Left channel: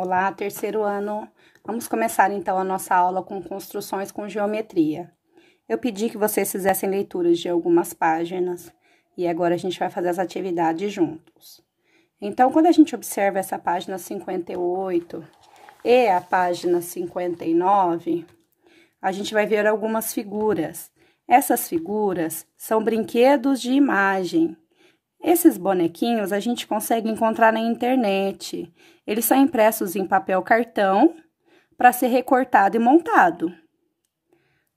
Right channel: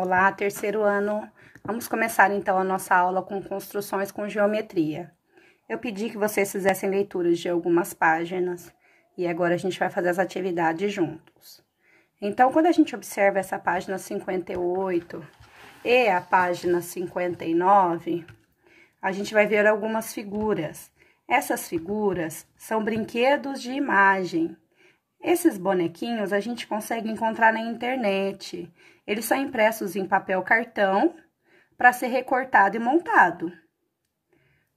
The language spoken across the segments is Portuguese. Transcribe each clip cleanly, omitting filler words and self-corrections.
Olá, terceiro ano. Vamos começar então a nossa aula com construções com geometria. Eu pedi que vocês fizessem leituras de algumas páginas e agora a gente vai fazer as atividades juntos. Então, quando a gente observa essa página 58 e a página 59, a gente vai ver algumas figuras. Essas figuras são brinquedos de imagem. Esses bonequinhos a gente consegue encontrar na internet. Eles são impressos em papel cartão para ser recortado e montado,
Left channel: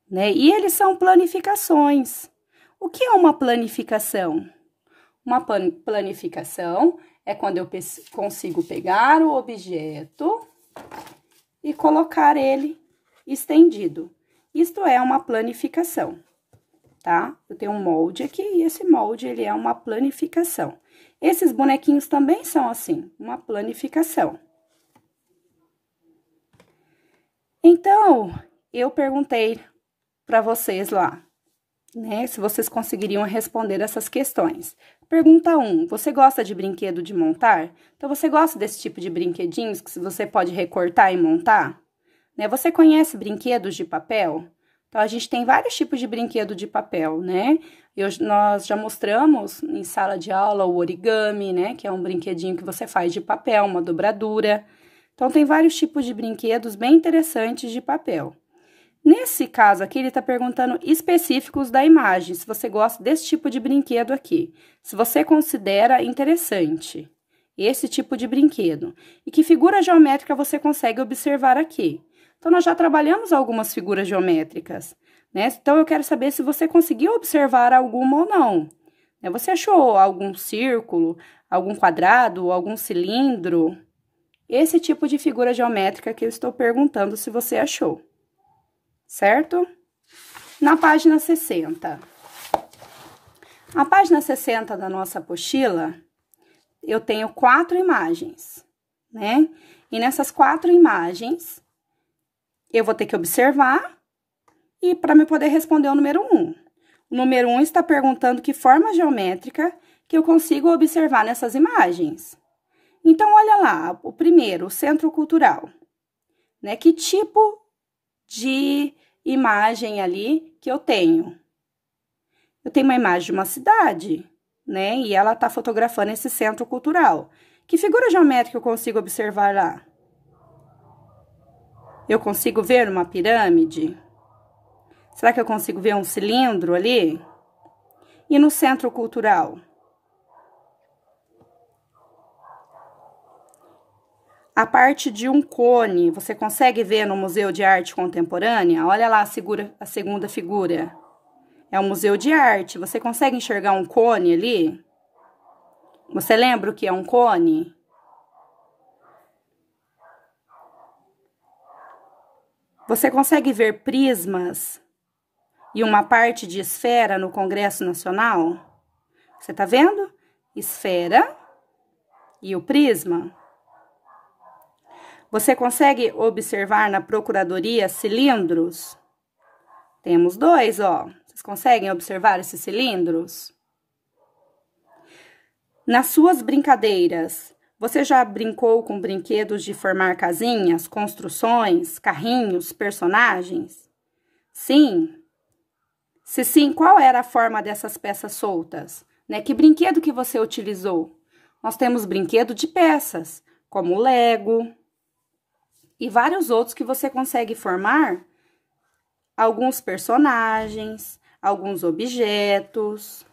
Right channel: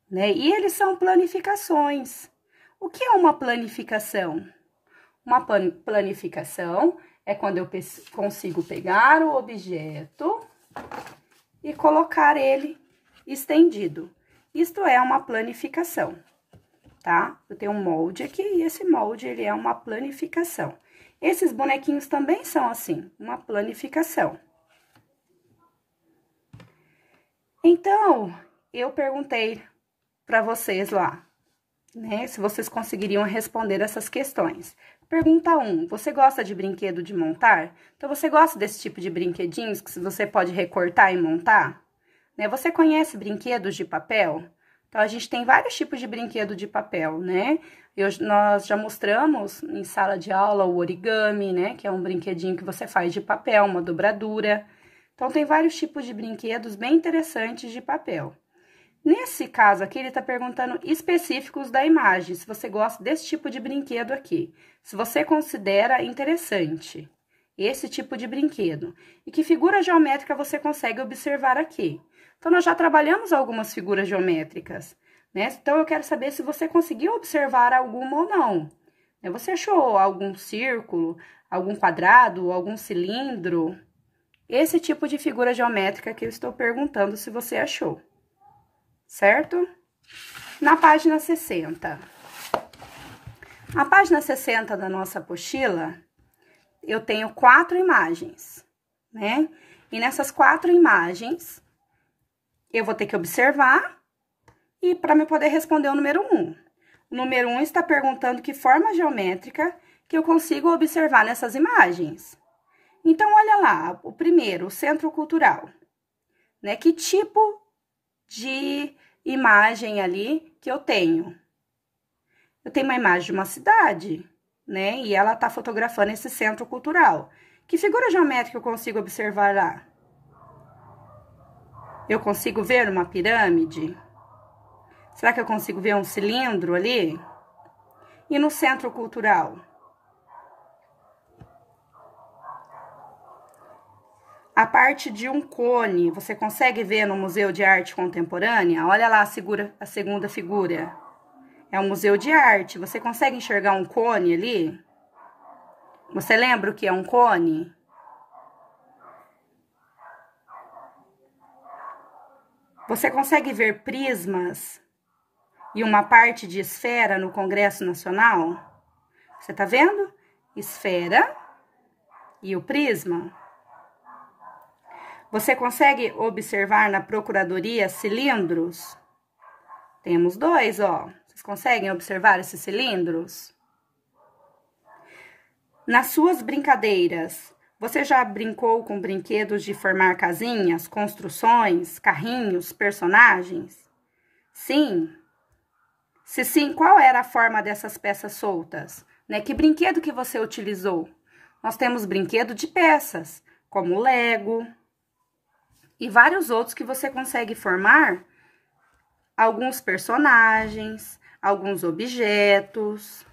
né? E eles são planificações. O que é uma planificação? Uma planificação é quando eu consigo pegar o objeto e colocar ele estendido. Isto é uma planificação, tá? Eu tenho um molde aqui e esse molde, ele é uma planificação. Esses bonequinhos também são assim, uma planificação. Então, eu perguntei para vocês lá, né, se vocês conseguiriam responder essas questões. Pergunta 1, você gosta de brinquedo de montar? Então, você gosta desse tipo de brinquedinhos que você pode recortar e montar? Né? Você conhece brinquedos de papel? Então, a gente tem vários tipos de brinquedo de papel, né? Nós já mostramos em sala de aula o origami, né? Que é um brinquedinho que você faz de papel, uma dobradura. Então, tem vários tipos de brinquedos bem interessantes de papel. Nesse caso aqui, ele está perguntando específicos da imagem, se você gosta desse tipo de brinquedo aqui. Se você considera interessante esse tipo de brinquedo. E que figura geométrica você consegue observar aqui. Então, nós já trabalhamos algumas figuras geométricas, né? Então, eu quero saber se você conseguiu observar alguma ou não. Você achou algum círculo, algum quadrado, algum cilindro? Esse tipo de figura geométrica que eu estou perguntando se você achou, certo? Na página 60. Na página 60 da nossa apostila, eu tenho 4 imagens, né? E nessas 4 imagens, eu vou ter que observar e para me poder responder o número 1. O número 1 está perguntando que forma geométrica que eu consigo observar nessas imagens. Então, olha lá, o primeiro, o centro cultural, né? Que tipo de imagem ali que eu tenho? Eu tenho uma imagem de uma cidade, né? E ela tá fotografando esse centro cultural. Que figura geométrica eu consigo observar lá? Eu consigo ver uma pirâmide? Será que eu consigo ver um cilindro ali? E no centro cultural? A parte de um cone, você consegue ver no Museu de Arte Contemporânea? Olha lá a segunda figura. É um museu de arte. Você consegue enxergar um cone ali? Você lembra o que é um cone? Você consegue ver prismas e uma parte de esfera no Congresso Nacional? Você tá vendo? Esfera e o prisma. Você consegue observar na Procuradoria cilindros? Temos 2, ó. Vocês conseguem observar esses cilindros? Nas suas brincadeiras, você já brincou com brinquedos de formar casinhas, construções, carrinhos, personagens? Sim? Se sim, qual era a forma dessas peças soltas? Né? Que brinquedo que você utilizou? Nós temos brinquedo de peças, como Lego e vários outros que você consegue formar alguns personagens, alguns objetos.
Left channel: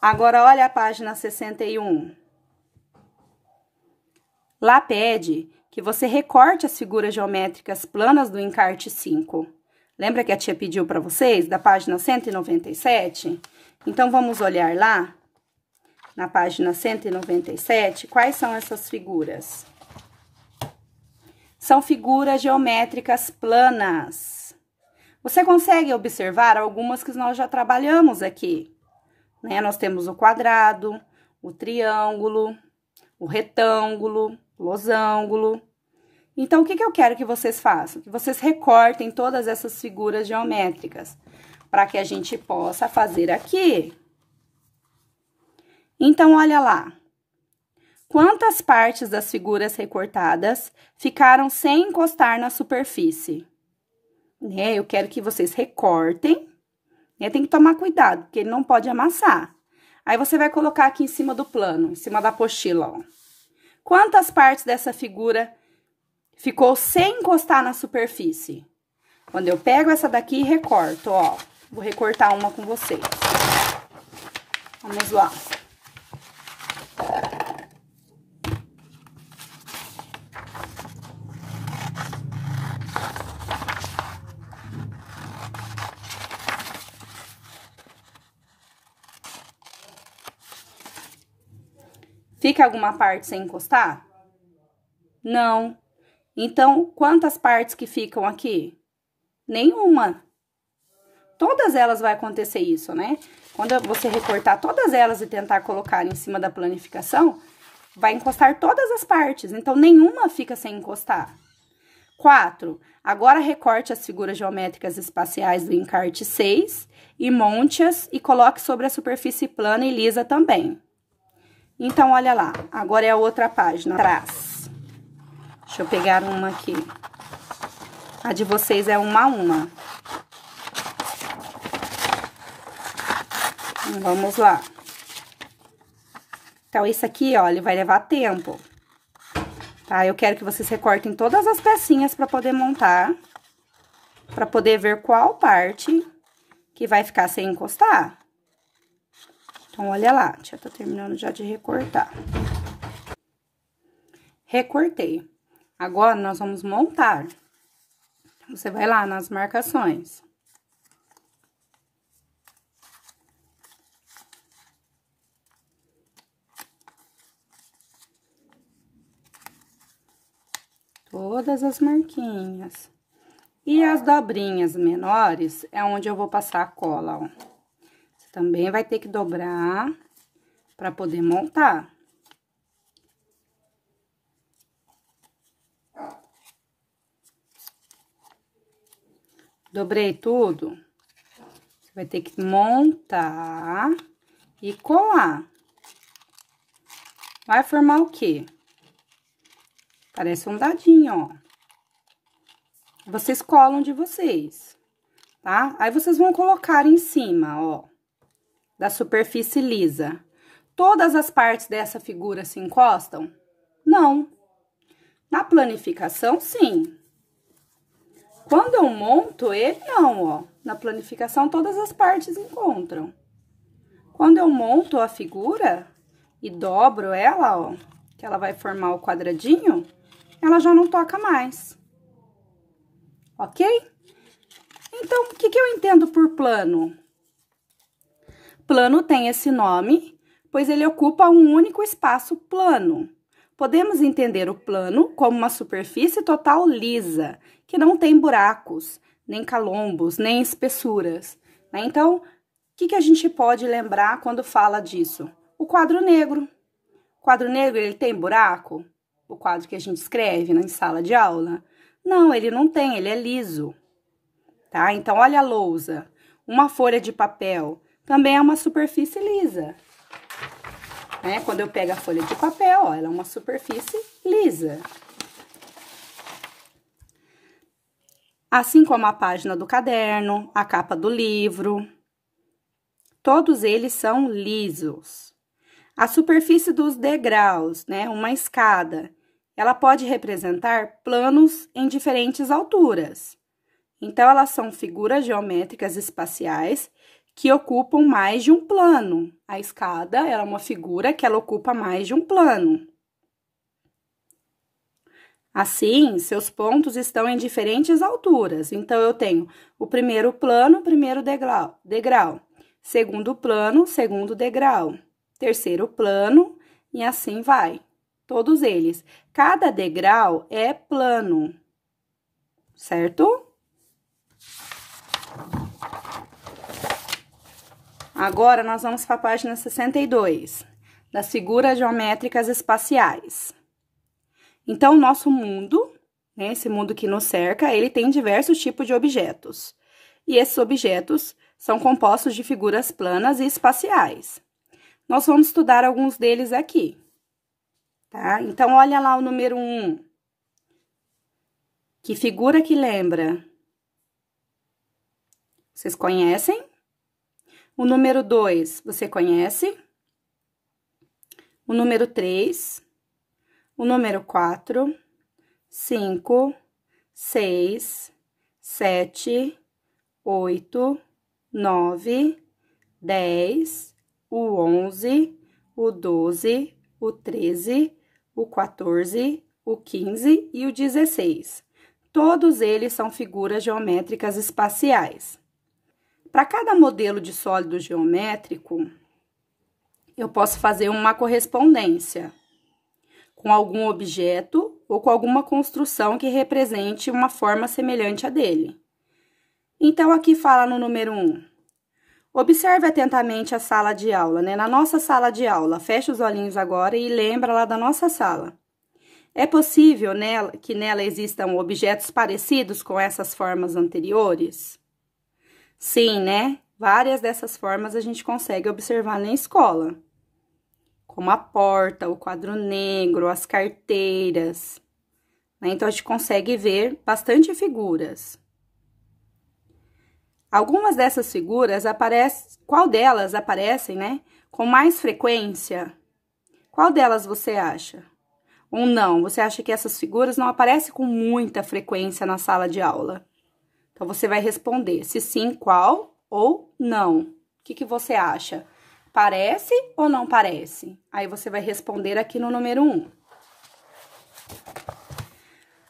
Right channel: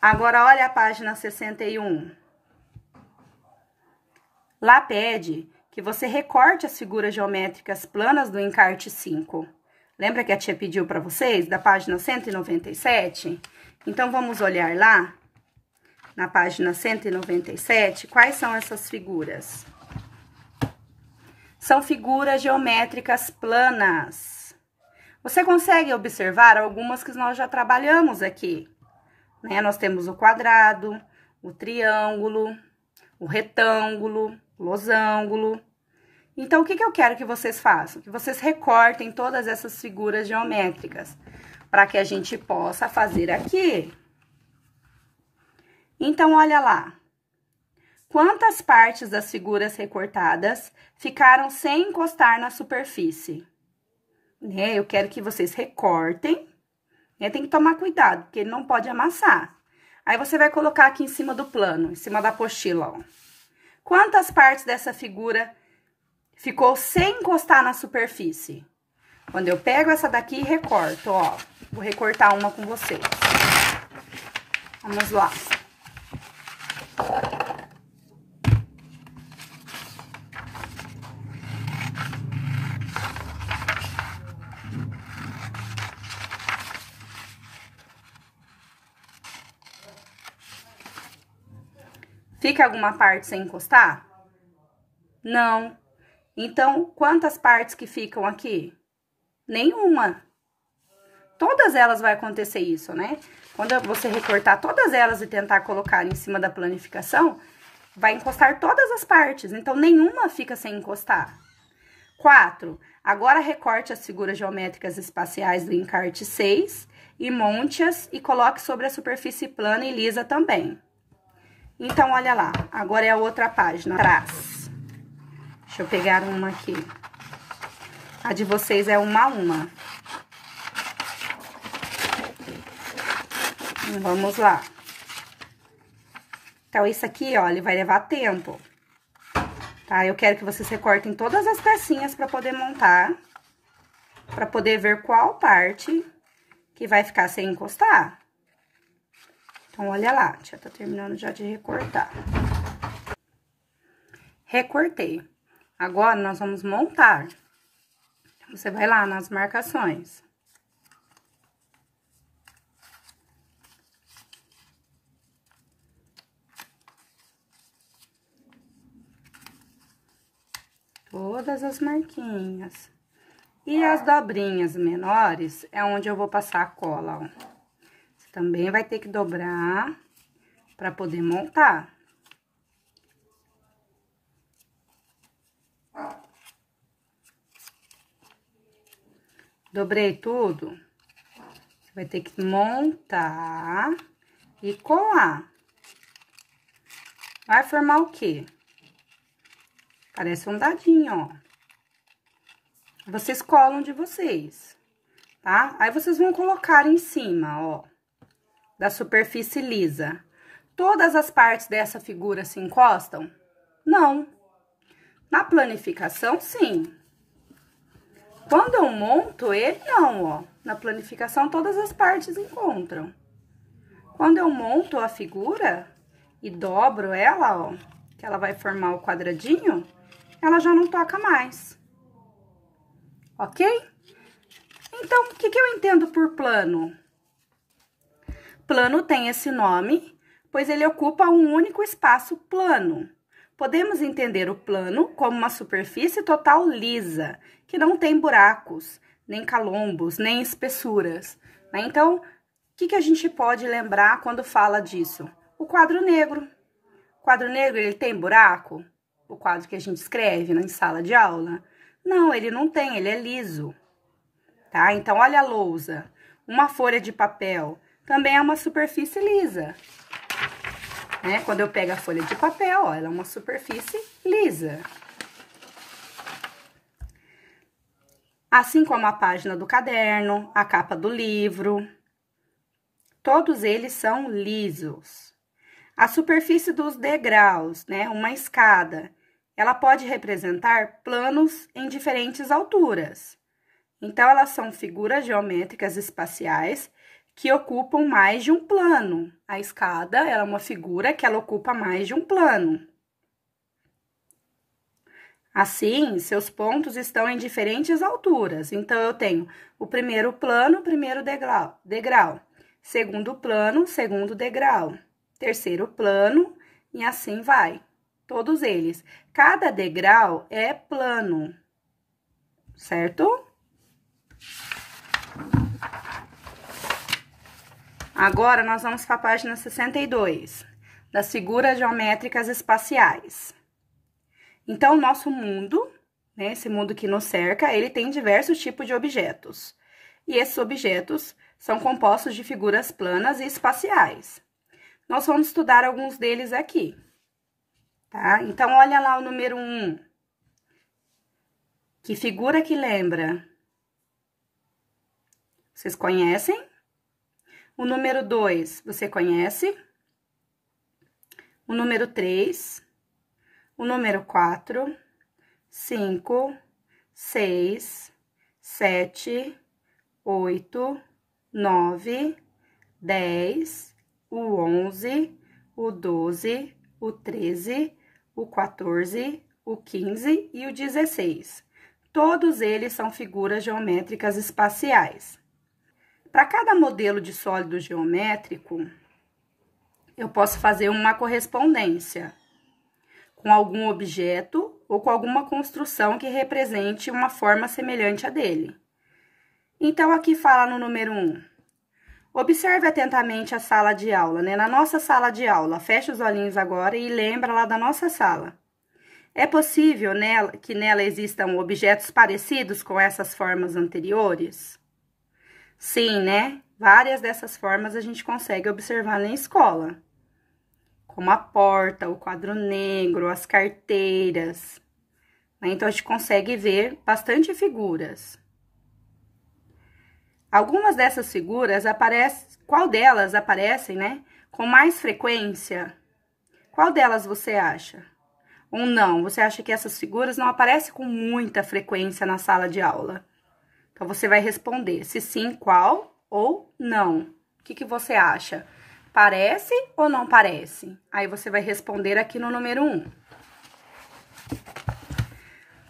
Agora, olha a página 61. Lá pede que você recorte as figuras geométricas planas do encarte 5. Lembra que a tia pediu para vocês, da página 197? Então, vamos olhar lá, na página 197, quais são essas figuras? São figuras geométricas planas. Você consegue observar algumas que nós já trabalhamos aqui, né? Nós temos o quadrado, o triângulo, o retângulo, o losango. Então, o que eu quero que vocês façam? Que vocês recortem todas essas figuras geométricas, para que a gente possa fazer aqui. Então, olha lá. Quantas partes das figuras recortadas ficaram sem encostar na superfície? Né? Eu quero que vocês recortem, né? Tem que tomar cuidado, porque ele não pode amassar. Aí, você vai colocar aqui em cima do plano, em cima da apostila, ó. Quantas partes dessa figura ficou sem encostar na superfície? Quando eu pego essa daqui e recorto, ó. Vou recortar uma com vocês. Vamos lá. Fica alguma parte sem encostar? Não. Então, quantas partes que ficam aqui? Nenhuma. Todas elas vai acontecer isso, né? Quando você recortar todas elas e tentar colocar em cima da planificação, vai encostar todas as partes. Então, nenhuma fica sem encostar. 4. Agora, recorte as figuras geométricas espaciais do encarte 6 e monte-as e coloque sobre a superfície plana e lisa também. Então, olha lá, agora é a outra página, atrás. Deixa eu pegar uma aqui. A de vocês é uma a uma. Vamos lá. Então, isso aqui, ó, ele vai levar tempo. Tá? Eu quero que vocês recortem todas as pecinhas pra poder montar. Pra poder ver qual parte que vai ficar sem encostar. Então, olha lá, a tia tá terminando já de recortar. Recortei. Agora, nós vamos montar. Você vai lá nas marcações. Todas as marquinhas. E as dobrinhas menores é onde eu vou passar a cola, ó. Também vai ter que dobrar para poder montar. Dobrei tudo. Você vai ter que montar e colar. Vai formar o quê? Parece um dadinho, ó. Vocês colam de vocês, tá? Aí, vocês vão colocar em cima, ó, da superfície lisa. Todas as partes dessa figura se encostam? Não. Na planificação, sim. Quando eu monto ele, não, ó. Na planificação, todas as partes encontram. Quando eu monto a figura e dobro ela, ó, que ela vai formar o quadradinho, ela já não toca mais. Ok? Então, o que eu entendo por plano? Plano tem esse nome, pois ele ocupa um único espaço plano. Podemos entender o plano como uma superfície total lisa, que não tem buracos, nem calombos, nem espessuras, né? Então, o que a gente pode lembrar quando fala disso? O quadro negro. O quadro negro, ele tem buraco? O quadro que a gente escreve na sala de aula? Não, ele não tem, ele é liso, tá? Então, olha a lousa. Uma folha de papel também é uma superfície lisa, né? Quando eu pego a folha de papel, ó, ela é uma superfície lisa. Assim como a página do caderno, a capa do livro, todos eles são lisos. A superfície dos degraus, né, uma escada, ela pode representar planos em diferentes alturas. Então, elas são figuras geométricas espaciais que ocupam mais de um plano. A escada, ela é uma figura que ela ocupa mais de um plano. Assim, seus pontos estão em diferentes alturas. Então, eu tenho o primeiro plano, primeiro degrau. Segundo plano, segundo degrau. Terceiro plano, e assim vai. Todos eles. Cada degrau é plano, certo? Agora, nós vamos para a página 62, das figuras geométricas espaciais. Então, o nosso mundo, né, esse mundo que nos cerca, ele tem diversos tipos de objetos. E esses objetos são compostos de figuras planas e espaciais. Nós vamos estudar alguns deles aqui, tá? Então, olha lá o número 1. Que figura que lembra? Vocês conhecem? O número 2, você conhece? O número 3, o número 4, 5, 6, 7, 8, 9, 10, o 11, o 12, o 13, o 14, o 15 e o 16. Todos eles são figuras geométricas espaciais. Para cada modelo de sólido geométrico, eu posso fazer uma correspondência com algum objeto ou com alguma construção que represente uma forma semelhante a dele. Então, aqui fala no número 1. Observe atentamente a sala de aula, né? Na nossa sala de aula, fecha os olhinhos agora e lembra lá da nossa sala. É possível que nela existam objetos parecidos com essas formas anteriores? Sim, né? Várias dessas formas a gente consegue observar na escola, como a porta, o quadro negro, as carteiras, né? Então, a gente consegue ver bastante figuras. Algumas dessas figuras qual delas aparecem, né, com mais frequência? Qual delas você acha? Ou não, você acha que essas figuras não aparecem com muita frequência na sala de aula? Então, você vai responder se sim, qual ou não. O que você acha? Parece ou não parece? Aí, você vai responder aqui no número 1.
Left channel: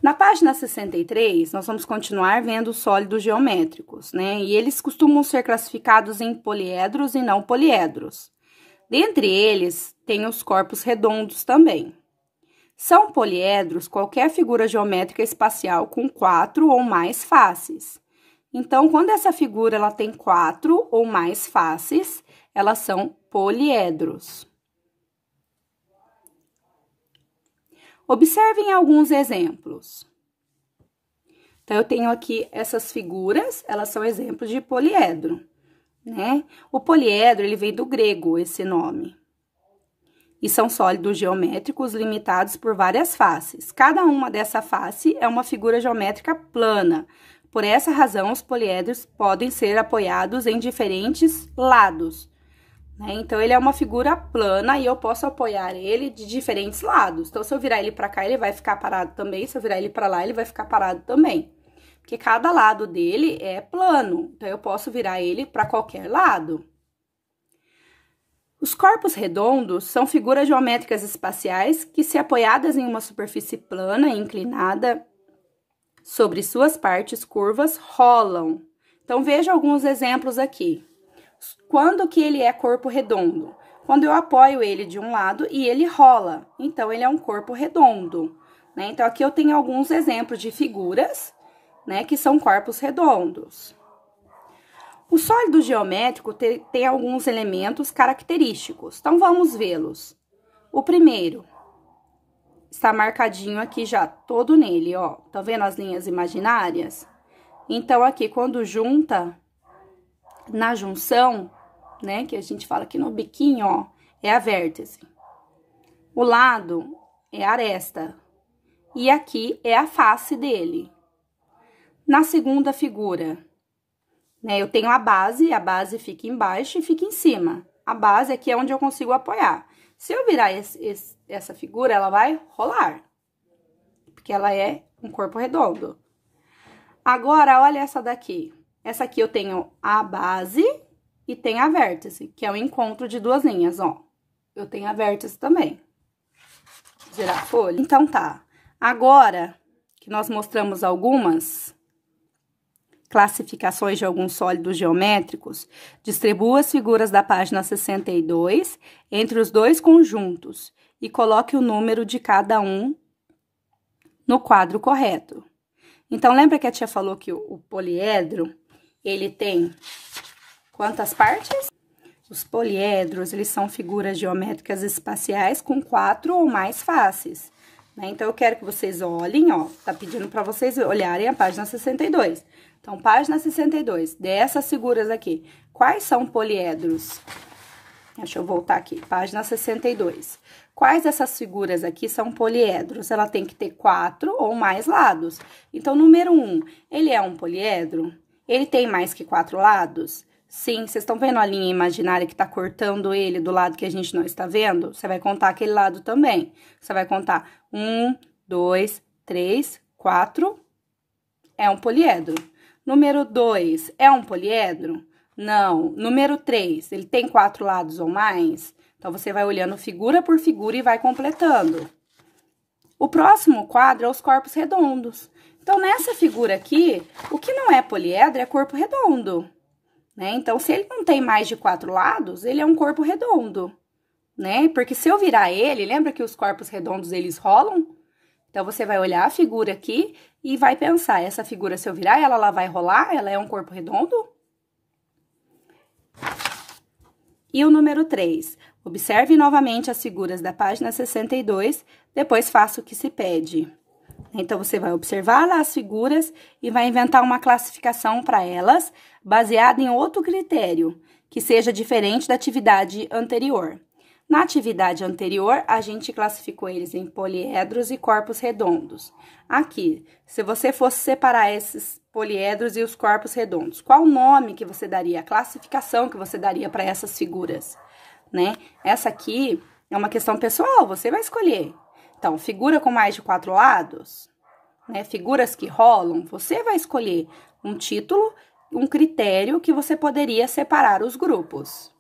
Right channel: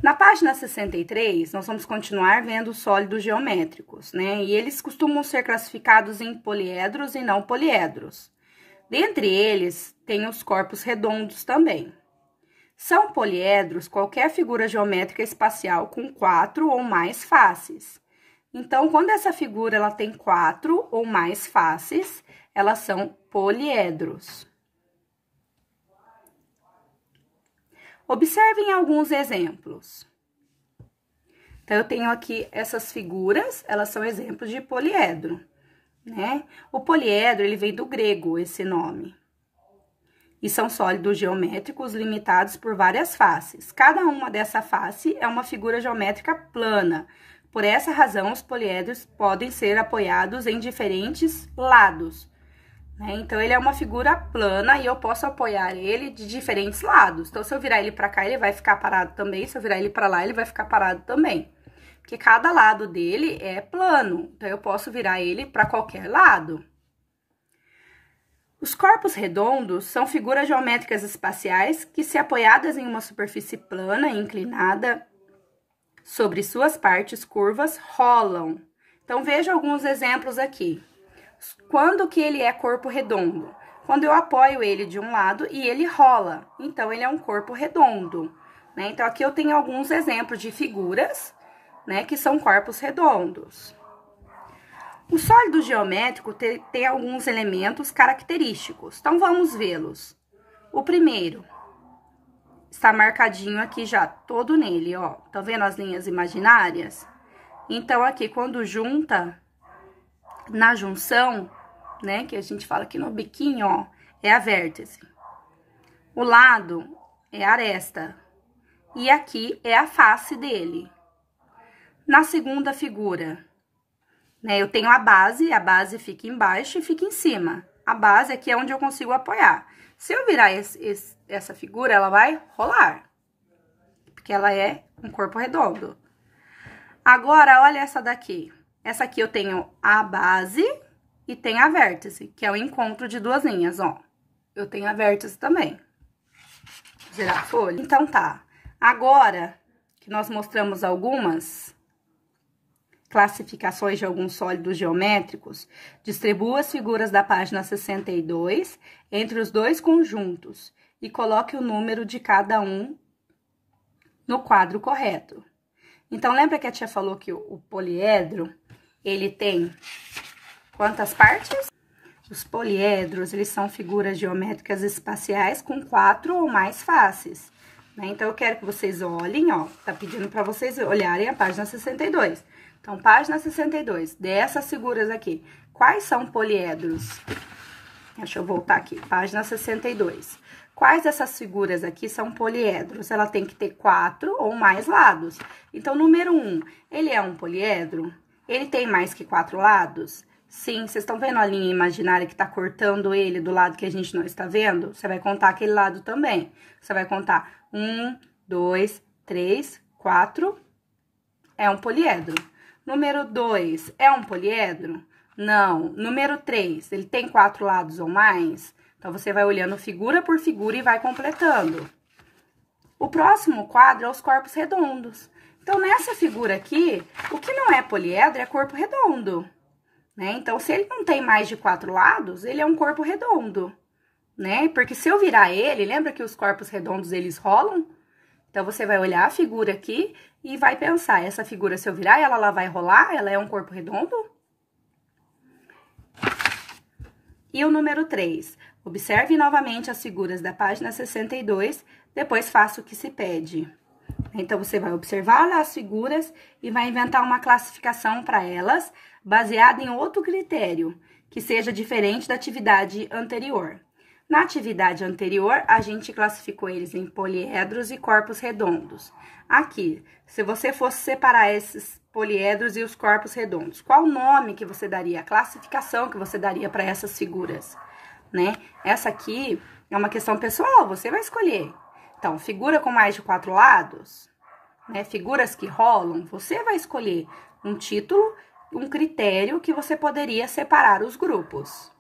Na página 63, nós vamos continuar vendo os sólidos geométricos, né? E eles costumam ser classificados em poliedros e não poliedros. Dentre eles, tem os corpos redondos também. São poliedros qualquer figura geométrica espacial com 4 ou mais faces. Então, quando essa figura ela tem 4 ou mais faces, elas são poliedros. Observem alguns exemplos. Então, eu tenho aqui essas figuras, elas são exemplos de poliedro, né? O poliedro, ele vem do grego, esse nome. E são sólidos geométricos limitados por várias faces. Cada uma dessa face é uma figura geométrica plana. Por essa razão, os poliedros podem ser apoiados em diferentes lados, né? Então, ele é uma figura plana e eu posso apoiar ele de diferentes lados. Então, se eu virar ele para cá, ele vai ficar parado também. Se eu virar ele para lá, ele vai ficar parado também. Porque cada lado dele é plano. Então, eu posso virar ele para qualquer lado. Os corpos redondos são figuras geométricas espaciais que, se apoiadas em uma superfície plana e inclinada sobre suas partes curvas, rolam. Então, veja alguns exemplos aqui. Quando que ele é corpo redondo? Quando eu apoio ele de um lado e ele rola. Então, ele é um corpo redondo, né? Então, aqui eu tenho alguns exemplos de figuras, né, que são corpos redondos. O sólido geométrico tem alguns elementos característicos. Então, vamos vê-los. O primeiro está marcadinho aqui já, todo nele, ó. Tá vendo as linhas imaginárias? Então, aqui, quando junta, na junção, né, que a gente fala aqui no biquinho, ó, é a vértice. O lado é a aresta. E aqui é a face dele. Na segunda figura, né, eu tenho a base fica embaixo e fica em cima. A base aqui é onde eu consigo apoiar. Se eu virar essa figura, ela vai rolar, porque ela é um corpo redondo. Agora, olha essa daqui. Essa aqui eu tenho a base e tem a vértice, que é o encontro de duas linhas, ó. Eu tenho a vértice também. Girar a folha. Então, tá. Agora que nós mostramos algumas classificações de alguns sólidos geométricos, distribua as figuras da página 62 entre os dois conjuntos e coloque o número de cada um no quadro correto. Então, lembra que a tia falou que o poliedro, ele tem quantas partes? Os poliedros, eles são figuras geométricas espaciais com 4 ou mais faces, né? Então, eu quero que vocês olhem, ó, tá pedindo para vocês olharem a página 62. Então, página 62, dessas figuras aqui, quais são poliedros? Deixa eu voltar aqui, página 62. Quais dessas figuras aqui são poliedros? Ela tem que ter 4 ou mais lados. Então, número 1, ele é um poliedro? Ele tem mais que 4 lados? Sim, vocês estão vendo a linha imaginária que tá cortando ele do lado que a gente não está vendo? Você vai contar aquele lado também. Você vai contar 1, 2, 3, 4. É um poliedro. Número 2, é um poliedro? Não. Número 3, ele tem 4 lados ou mais? Então, você vai olhando figura por figura e vai completando. O próximo quadro é os corpos redondos. Então, nessa figura aqui, o que não é poliedro é corpo redondo, né? Então, se ele não tem mais de 4 lados, ele é um corpo redondo, né? Porque se eu virar ele, lembra que os corpos redondos, eles rolam? Então, você vai olhar a figura aqui e vai pensar, essa figura, se eu virar, ela vai rolar? Ela é um corpo redondo? E o número 3, observe novamente as figuras da página 62, depois faça o que se pede. Então, você vai observar lá as figuras e vai inventar uma classificação para elas, baseada em outro critério, que seja diferente da atividade anterior. Na atividade anterior, a gente classificou eles em poliedros e corpos redondos. Aqui, se você fosse separar esses poliedros e os corpos redondos, qual o nome que você daria, a classificação que você daria para essas figuras, né? Essa aqui é uma questão pessoal, você vai escolher. Então, figura com mais de 4 lados, né? Figuras que rolam, você vai escolher um título, um critério que você poderia separar os grupos.